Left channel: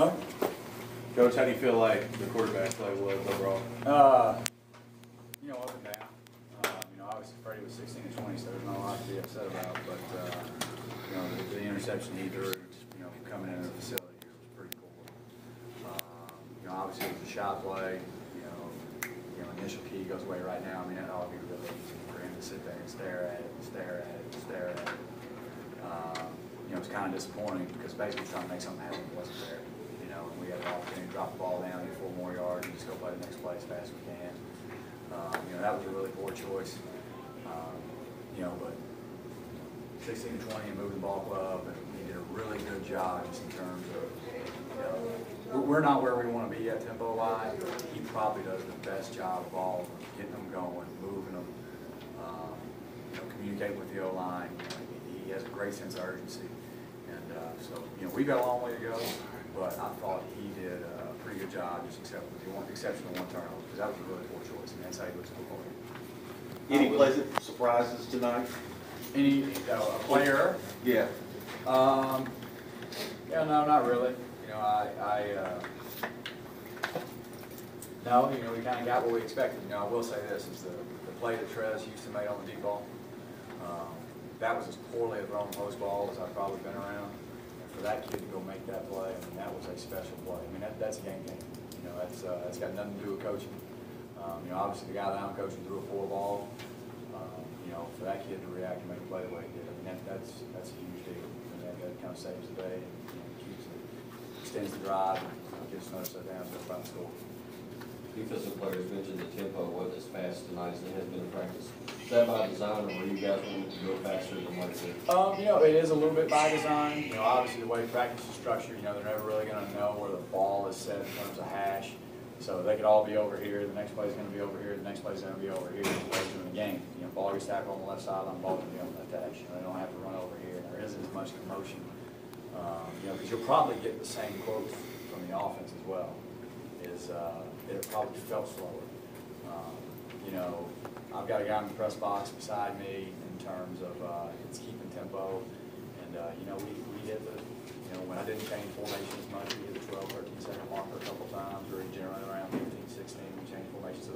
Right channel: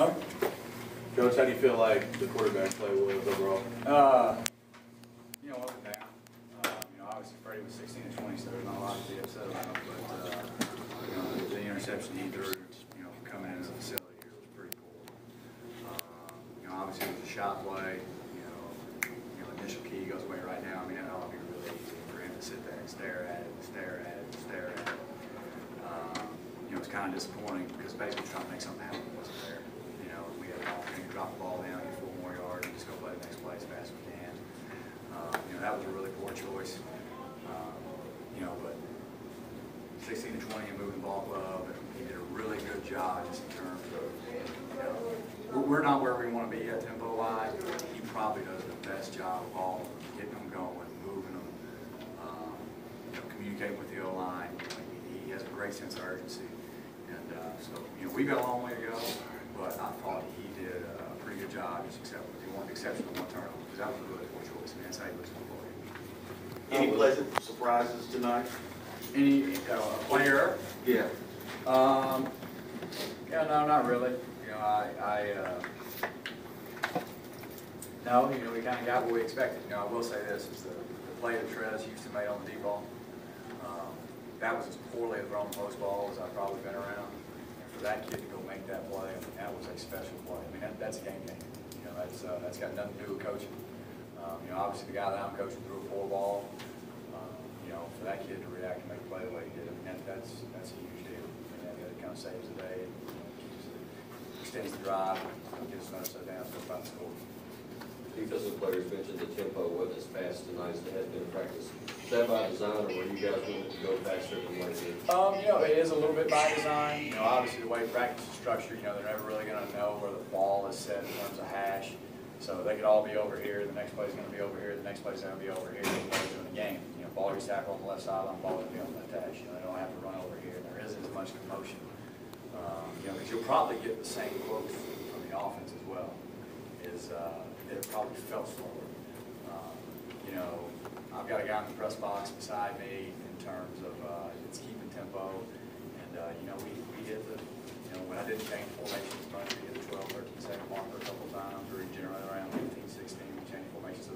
Huh? Coach, how do you feel like the quarterback play was overall? Up and down. Obviously Fredi was 16 and 20, so there's not a lot to be upset about. But the interception he threw, coming into the facility here was pretty cool. Obviously it was a shot play. Initial key goes away right now. I mean, that ought to be really easy for him to sit there and stare at it. It's kind of disappointing because basically trying to make something happen wasn't there. We had an opportunity to drop the ball down, get 4 more yards, and just go play the next play as fast as we can. That was a really poor choice. But 16 to 20 and moving the ball club, and he did a really good job just in terms of, we're not where we want to be at tempo line. He probably does the best job of all of them, getting them going, moving them, communicating with the O-line. He has a great sense of urgency. And we've got a long way to go, but I thought he did a pretty good job, just exception of one turnover, because that was a really poor choice, and that's how he looks football. Any pleasant surprises tonight? Any player? Yeah. Yeah, no, not really. No, we kind of got what we expected. I will say this, is the play that Trez Houston made on the deep ball, that was as poorly a thrown post ball as I've probably been around. And for that kid to go make that play, that was a special play. That's a game changer. That's got nothing to do with coaching. Obviously the guy that I'm coaching threw a poor ball. For that kid to react and make a play the way he did, that's a huge deal. That kind of saves the day. Extends the drive, gives another set down, that's about the score. Defensive players mentioned the tempo wasn't as fast tonight as it has been in practice. Is that by design, or were you guys wanting to go faster than what it is? It is a little bit by design. Obviously the way practice is structured, they're never really going to know where the ball is set in terms of hash. So they could all be over here, the next play is going to be over here, the next play is going to be over here, later in the game. Ball gets tackled on the left sideline, ball is going to be on that hash. They don't have to run over here, and there isn't as much commotion. Because you'll probably get the same quotes from the offense as well. It probably felt slower. I've got a guy in the press box beside me in terms of it's keeping tempo, and we hit the when I didn't change formations much, we hit the 12, 13 second marker a couple times. We were generally around 15, 16. We changed formations. So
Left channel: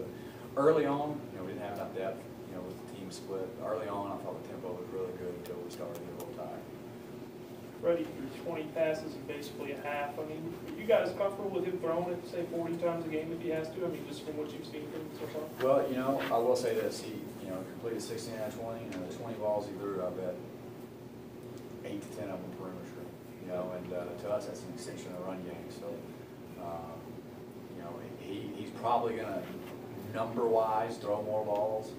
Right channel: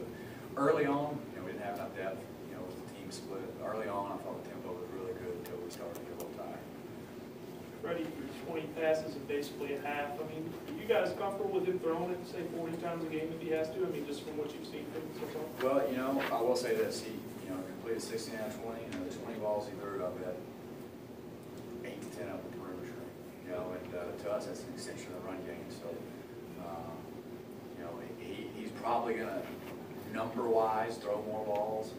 early on, we didn't have enough depth. With the team split early on, I thought the tempo was really good until we started to get a little tired. Fredi threw 20 passes in basically a half. Are you guys comfortable with him throwing it, say, 40 times a game if he has to? Just from what you've seen from him so far? Well, I will say this. He, completed 16 out of 20. The 20 balls he threw, I bet 8 to 10 of them perimeter screen. And to us, that's an extension of the run game. So, he's probably going to, number-wise, throw more balls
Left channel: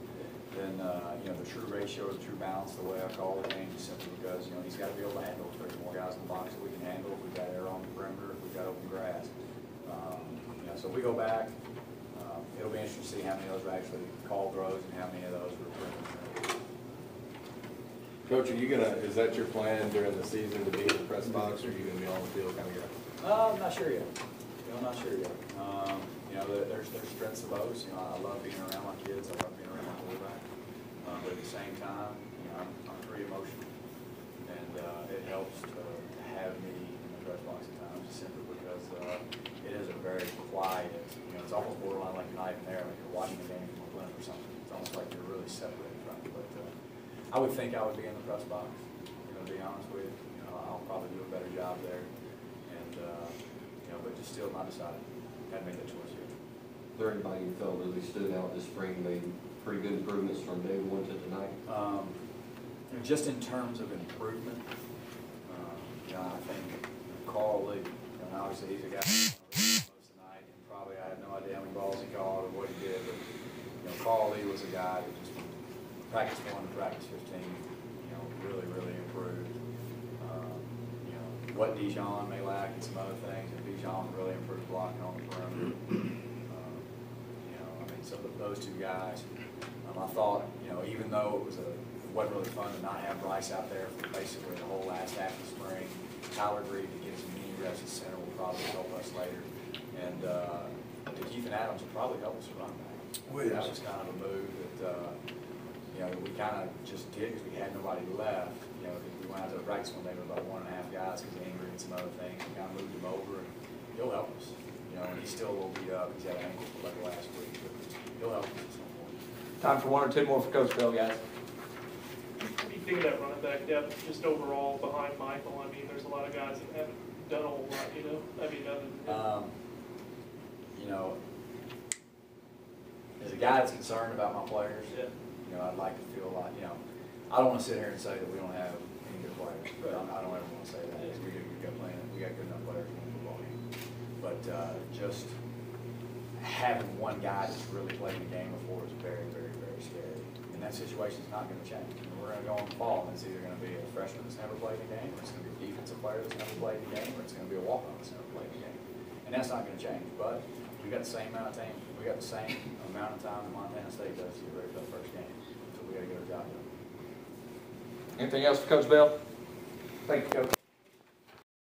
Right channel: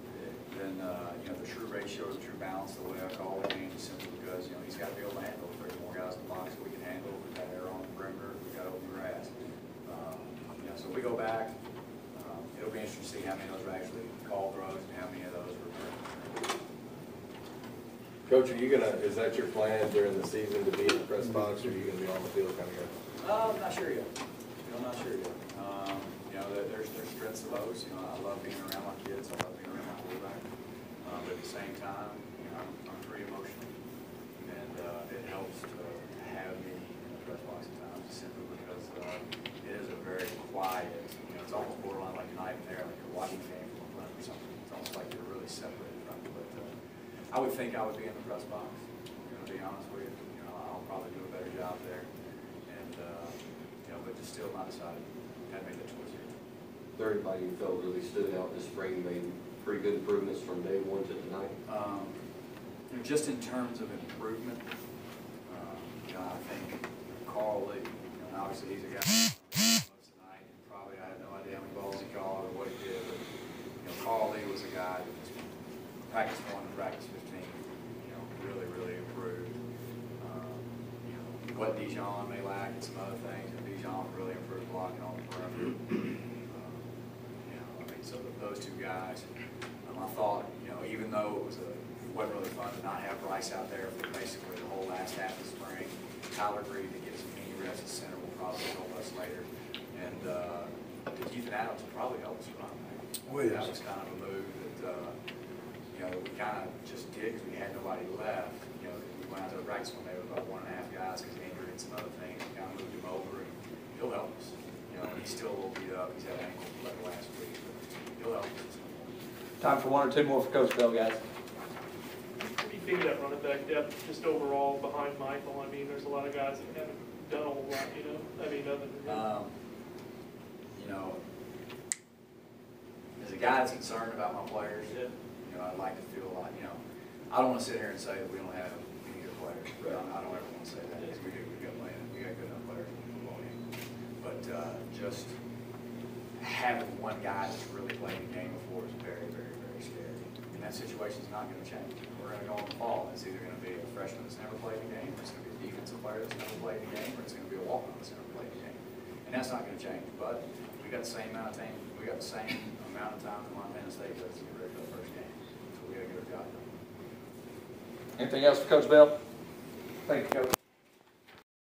than the true ratio or the true balance, the way I call the game, is simply because he's got to be able to handle 30 more guys in the box that we can handle. We've got air on the perimeter. We've got open grass. So if we go back, it'll be interesting to see how many of those are actually call throws and how many of those were perimeter. Coach, is that your plan during the season to be in the press box, or are you going to be on the field kind of guy? I'm not sure yet. There's strengths of those. I love being around my kids. I love being around my quarterback. But at the same time, I'm pretty emotional, and it helps to have me in the press box at times, simply because it is a very quiet. It's almost borderline like Knighten there, like you're watching the game from a blimp or something. It's almost like you're really separated from it. But I would think I would be in the press box. To be honest with you, I'll probably do a better job there, and but just still not decided. Got to make that choice here. Is there anybody you felt really stood out this spring, made pretty good improvements from day one to tonight? Just in terms of improvement, I think Carl Lee, obviously he's a guy tonight, and probably I have no idea how many balls he caught or what he did, but Carl Lee was a guy that just practice 1 to practice 15, really, really improved. What Dijon may lack and some other things, and Dijon really improved blocking on the perimeter. I think so those two guys, I thought, even though it wasn't really fun to not have Bryce out there for basically the whole last half of the spring, Tyler agreed to get some knee reps at center will probably help us later. And Ethan Adams will probably help us run that. That was kind of a move that we kind of just did because we had nobody left. We went out to the practice one day with about 1.5 guys because of injury and some other things. We kind of moved him over, and he's still a little beat up. He's had an ankle like last week, but he'll help us at some point. Time for one or two more for Coach Bell, guys. What do you think of that running back depth, just overall behind Michael? I mean, there's a lot of guys that haven't done a whole lot, you know? I mean, other than You know, as a guy that's concerned about my players, yeah. you know, I'd like to feel like, you know, I don't want to sit here and say that we don't have any good players. Right. I don't ever want to say that, because we do. We got good enough players to win football games. But just having one guy that's really played the game before is very, very, very scary. And that situation's not going to change. We're going to go in the fall, and it's either going to be a freshman that's never played the game, or it's going to be a defensive player that's never played the game, or it's going to be a walk-on that's never played the game. And that's not going to change. But we got the same amount of time. We got the same amount of time that Montana State does to get ready for the first game. So we got to get our job done. Anything else for Coach Bell? Thank you, Coach.